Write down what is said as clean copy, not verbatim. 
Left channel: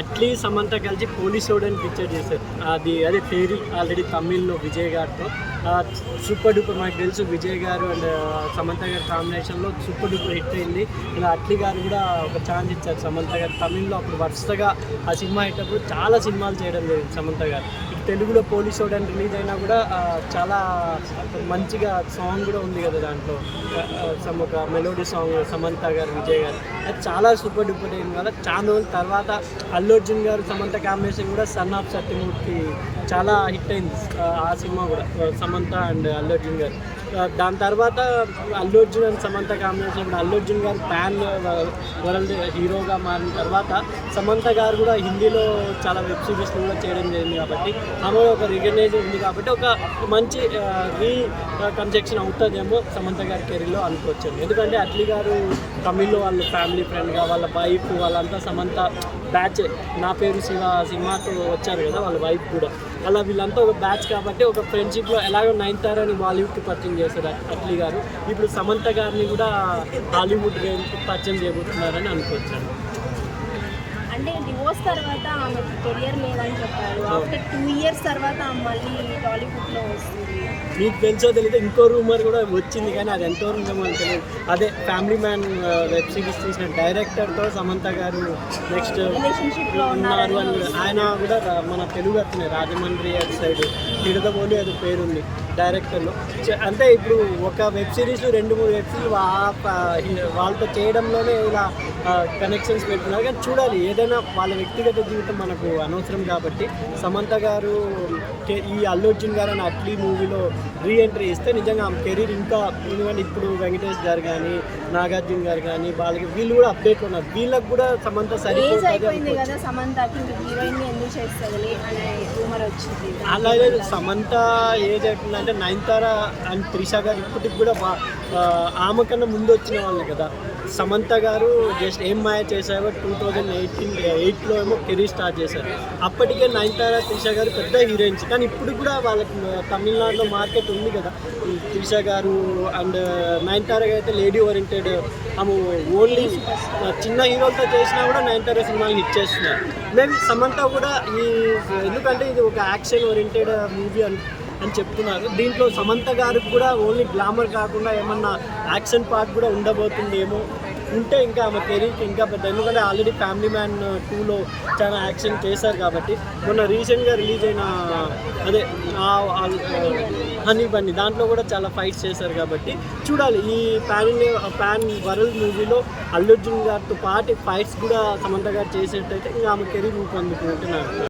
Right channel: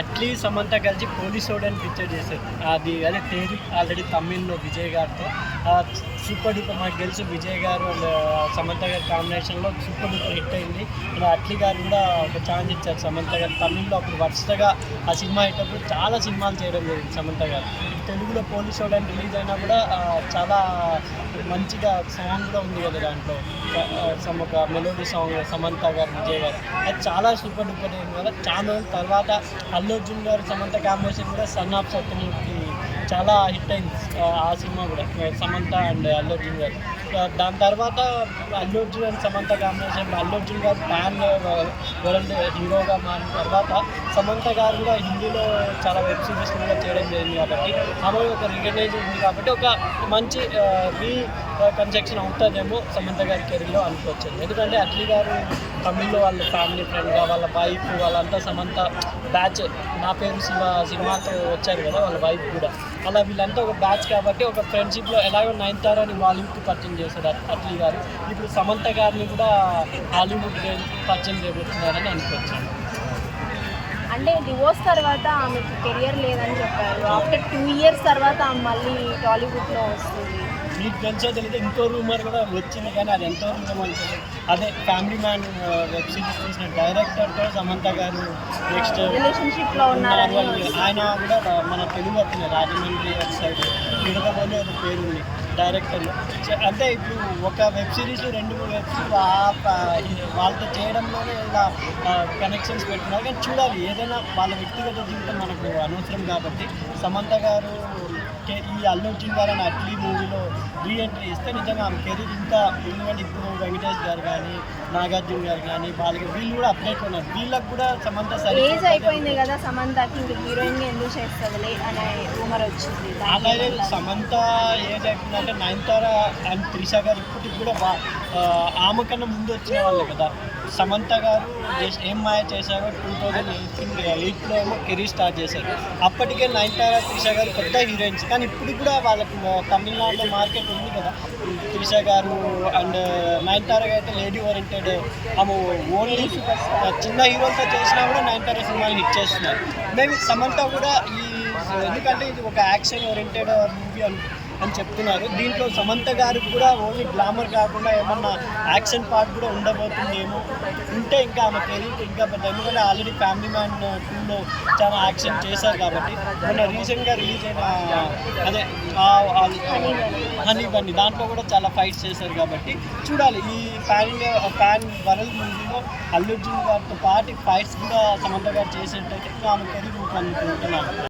అట్లీ సమంత కలిసి పోలీసోడు అని పిక్చర్ చేశారు. అదే తేరి ఆల్రెడీ తమిళ్లో విజయ్ గారితో సూపర్ డూపర్. మాకు తెలుసు విజయ్ గారు అండ్ సమంత గారి కాంబినేషన్లో సూపర్ డూపర్ హిట్ అయింది. అండ్ అట్లీ గారు కూడా ఒక ఛాన్స్ ఇచ్చారు సమంత గారు తమిళ్లో. అప్పుడు వరుసగా ఆ సినిమా అయ్యేటప్పుడు చాలా సినిమాలు చేయడం జరిగింది సమంత గారు. తెలుగులో పోలీసోడు అని రిలీజ్ అయినా కూడా చాలా మంచిగా సాంగ్ కూడా ఉంది కదా దాంట్లో, ఒక మెలోడీ సాంగ్ సమంత గారు విజయ్ గారు. అది చాలా సూపర్ డూపర్ అయింది కదా. చాలా రోజుల తర్వాత అల్లు అర్జున్ గారు సమంత కాంబినేషన్ కూడా సన్ ఆఫ్ సత్యమూర్తి చాలా హిట్ అయింది ఆ సినిమా కూడా, సమంత అండ్ అల్లు అర్జున్ గారు. దాని తర్వాత అల్లు అర్జున్ అండ్ సమంత కాంబినేషన్ అల్లు అర్జున్ గారు ప్యాన్ వరల్డ్ హీరోగా మారిన తర్వాత సమంత గారు కూడా హిందీలో చాలా వెబ్ సిరీస్లు కూడా చేయడం జరిగింది. కాబట్టి ఆమె ఒక రికగ్నైజ్ ఉంది కాబట్టి ఒక మంచి రీకన్స్ట్రక్షన్ అవుతుందేమో సమంత గారి కెరీర్లో అనుకోవచ్చు. ఎందుకంటే అట్లీ గారు తమిళ్లో వాళ్ళ ఫ్యామిలీ ఫ్రెండ్గా వాళ్ళ వైఫ్ వాళ్ళంతా సమంత బ్యాచ్ నా పేరు శివ సినిమాతో వచ్చారు కదా వాళ్ళ వైఫ్ కూడా. అలా వీళ్ళంతా ఒక బ్యాచ్ కాబట్టి ఒక ఫ్రెండ్షిప్లో ఎలాగో నయనతారని బాలీవుడ్కి పరిచయం చేశారు అట్లీ గారు. ఇప్పుడు సమంత గారిని కూడా హాలీవుడ్ పరిచయం చేయబోతున్నారని అనుకోవచ్చు. అంటే డివోర్స్ తర్వాత ఆమెకి కెరియర్ లేదని చెప్పారు. ఆఫ్టర్ 2 years తర్వాత ఆమె మళ్ళీ టాలీవుడ్లో వస్తుంది. మీకు తెలుసో తెలియదు ఇంకో రూమర్ కూడా వచ్చింది, కానీ అది ఎంతవరకు ఉందో తెలియదు. అదే ఫ్యామిలీ మ్యాన్ వెబ్ సిరీస్ తీసిన డైరెక్టర్తో సమంత గారు నెక్స్ట్ రిలేషన్షిప్లో ఉన్నారు అని ఆయన కూడా మన తెలుగు అతనే రాజమండ్రి అటు సైడ్ నిడదవోలు ఏదో పేరుంది డైరెక్టర్లు. అంటే ఇప్పుడు ఒక వెబ్ సిరీస్ 2-3 వెబ్ సిరీస్ వాళ్ళతో చేయడంలోనే ఇలా కనెక్షన్స్ పెట్టున్నారు. కానీ చూడాలి, ఏదైనా వాళ్ళ వ్యక్తిగత జీవితం మనకు అనవసరం కాబట్టి సమంత గారు ఈ అల్లు అర్జున్ గారు అని అట్లీ మూవీలో రీఎంట్రీ ఇస్తే నిజంగా ఆమె కెరీర్ ఇంకా, ఎందుకంటే ఇప్పుడు వెంకటేష్ గారు కానీ నాగార్జున గారు కానీ వాళ్ళకి వీళ్ళు కూడా అప్డేట్ ఉన్నారు. వీళ్ళకి కూడా సమంత అయిపోయింది కదా, సమంతకి హీరోయిన్ ఎందుకు చేస్తుంది అనే రూమర్ వచ్చింది. అలాగే సమంత ఏజ్ అయిపోయిందంటే నయనతార అండ్ త్రిష గారు ఇప్పటికి కూడా ఆమె కన్నా ముందు వచ్చిన వాళ్ళే కదా. సమంత గారు జస్ట్ ఏం మాయ చేశారో 2008లో ఏమో కెరీర్ స్టార్ట్ చేశారు. అప్పటికే నయనతార త్రిష గారు పెద్ద హీరోయిన్స్, కానీ ఇప్పుడు కూడా వాళ్ళకి తమిళనాడులో మార్కెట్ ఉంది కదా. త్రిష గారు అండ్ నయనతార అయితే లేడీ ఓరియంటెడ్, ఆమె ఓన్లీ చిన్న హీరోలతో చేసినా కూడా నయనతార సినిమాలు హిట్ చేస్తున్నారు. మేబీ సమంత కూడా ఎందుకంటే ఇది ఒక యాక్షన్ ఓరియంటెడ్ మూవీ అని చెప్తున్నారు. దీంట్లో సమంత గారికి కూడా ఓన్లీ గ్లామర్ కాకుండా ఏమన్నా యాక్షన్ పార్ట్ కూడా ఉండబోతుందేమో. ఉంటే ఇంకా ఆమె కెరీర్కి ఇంకా పెద్ద, ఎందుకంటే ఆల్రెడీ ఫ్యామిలీ మ్యాన్ 2లో చాలా యాక్షన్ చేశారు కాబట్టి. మొన్న రీసెంట్గా రిలీజ్ అయిన అదే హనీ బన్నీ దాంట్లో కూడా చాలా ఫైట్స్ చేశారు కాబట్టి చూడాలి. ఈ ప్యాన్ వరల్డ్ మూవీలో అల్లు అర్జున్ గారితో పాటు ఫైట్స్ కూడా సమంత గారు చేసేటైతే ఇంకా ఆమె కెరీర్ రూపొందుకుంటున్నాను.